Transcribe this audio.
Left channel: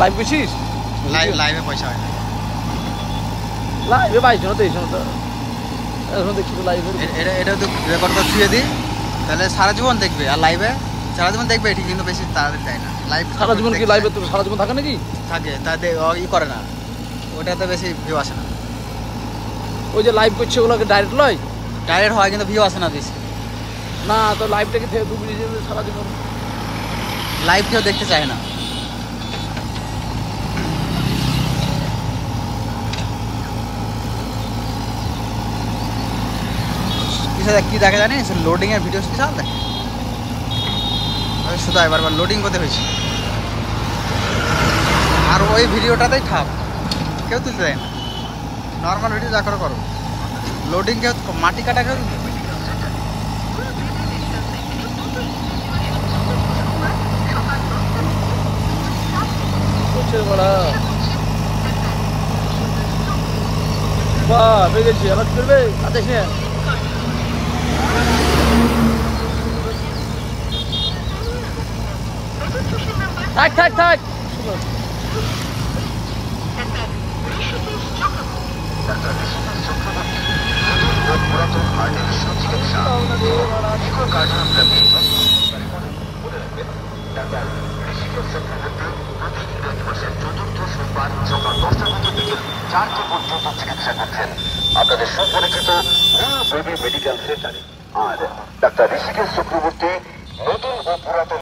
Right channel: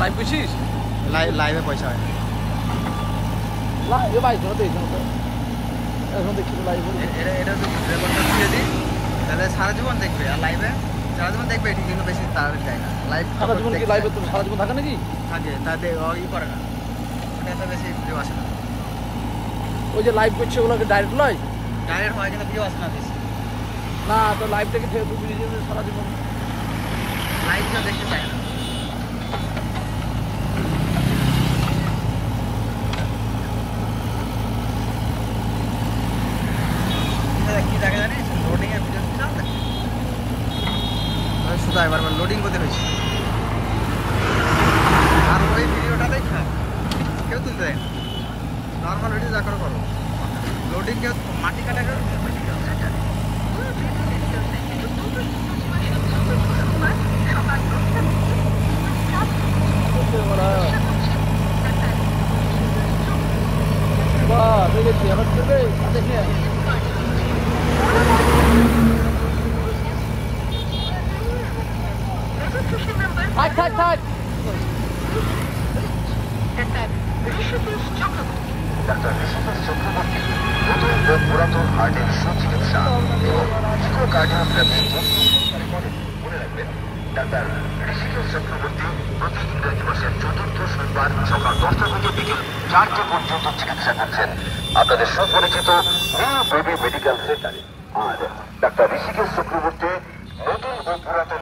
Live করছিস? লাইভে পয়সা হয় না। লাইভে পাইছো তো এই সময় এখন দেখছি লাইভে এটা তো রেকর্ড করে ছুঁয়ে দিই, তাহলে সারা জীবন দেখবে। আর লাইভে সারা জীবন দেখবে ঠিক, কিন্তু বেশি তাড়াতাড়ি যায় না। লাইভ সারা জীবন কি লাইভে তো সারা জীবন থাকে নাকি? থাকে, তা ই করে না, ওটাতে বেশি ভিউ আসে না। ওই যে লাইভ করছে ওগুলোকে ডাইরেক্ট লয়? ডাইরেক্ট হয় কিন্তু ভিউ আসে না বেশি। না তো লাইভটাকে সারা জীবন লাইভ কেউ দেখতে চায় না। কি দেখা জানিস, লোডিং এর ভিডিও বিশাল দেখে। শুধু এবার লোডিং করতে হয়েছে, আর ওই ভিডিওটাতেই ঠাপ, কেউ তুলতে দেয় না। নর্মাল ভিডিও যা করো করো, লোডিং কেউ মাটি কাটা কেউ থাক থাক। আপনাদের সুপরিচিত মেডিকেল সেন্টারে আর ডাক্তার ঋষিকেশ চক্রবর্তী নতুন ও পুরাতন